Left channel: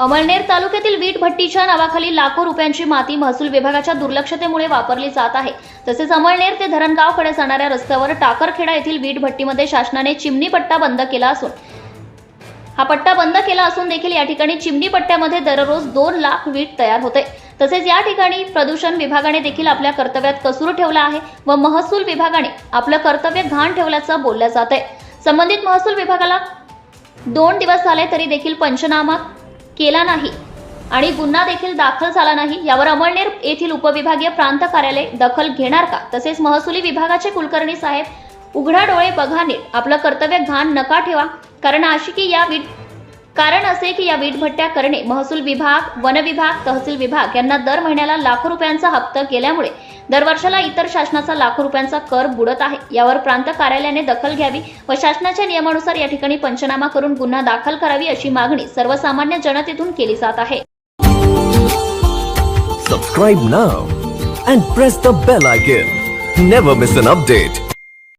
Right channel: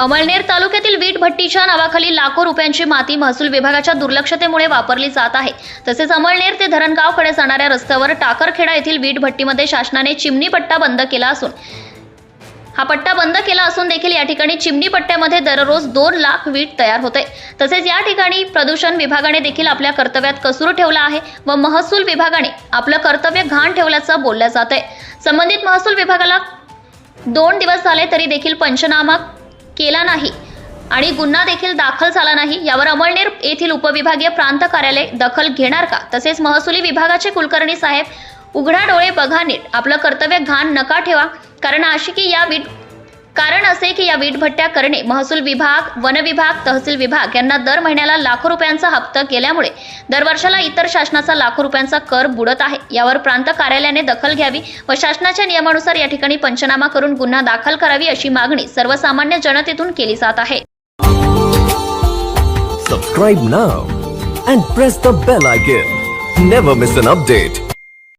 अमळनेर तालुक्यातील वीट भट्टीच्या नावाखाली लाखो रुपयांची माती महसूल विभागाच्या दुर्लक्षतेमुळे वापरली जात आहे. तसेच अमळनेर ते धरणगावकडे जाणाऱ्या रस्त्यावर टाकरखेडा येथील वीट भट्टीमध्ये शासनाने चिमणी पट्टा बंद केला असून हा पट्टा बंद केला असून देखील या ठिकाणी चिमणी पट्ट्यामध्ये दररोज दोन लाख वीट तयार होते. तसेच या ठिकाणी प्रदूषण विभागाने देखील आपल्या कर्तव्यात कसूर ठेवला आहे व महसूल विभागाने आपलं कर्तव्य घाण ठेवल्याचं बोललं जात आहे संबंधित महसूल विभागाला दोन दिवस झाले तरी देखील पंचनामा केला नाही आणि गुन्हा देखील दाखल झाला नाही यावर अमळनेर येथील उपविभागीय प्रांत कार्यालय दखल घेणार का? तसेच महसुली विभागाचे कुलकर्णी साहेब उघडा डोळे बघा नीट. आपलं कर्तव्य घाण नका ठेवा. कारण अशी की या कारण असे की या वीटभट्ट्या करणे महसूल विभाग वन विभाग तहसील विभाग यांना दर महिन्याला लाखो रुपयांचा हप्ता केल्यामुळे दरवर्षाला इतर शासनाचा लाखो रुपयांचा कर बुडत आहे. यावर प्रांत कार्यालयाने दखल घ्यावी व शासनाच्या नियमानुसार या ठिकाणी पंचनामा करून गुन्हा दाखल करावी अशी मागणी सर्वसामान्य जनतेतून केली जात आहे. Subscribe now and press the bell icon never miss an update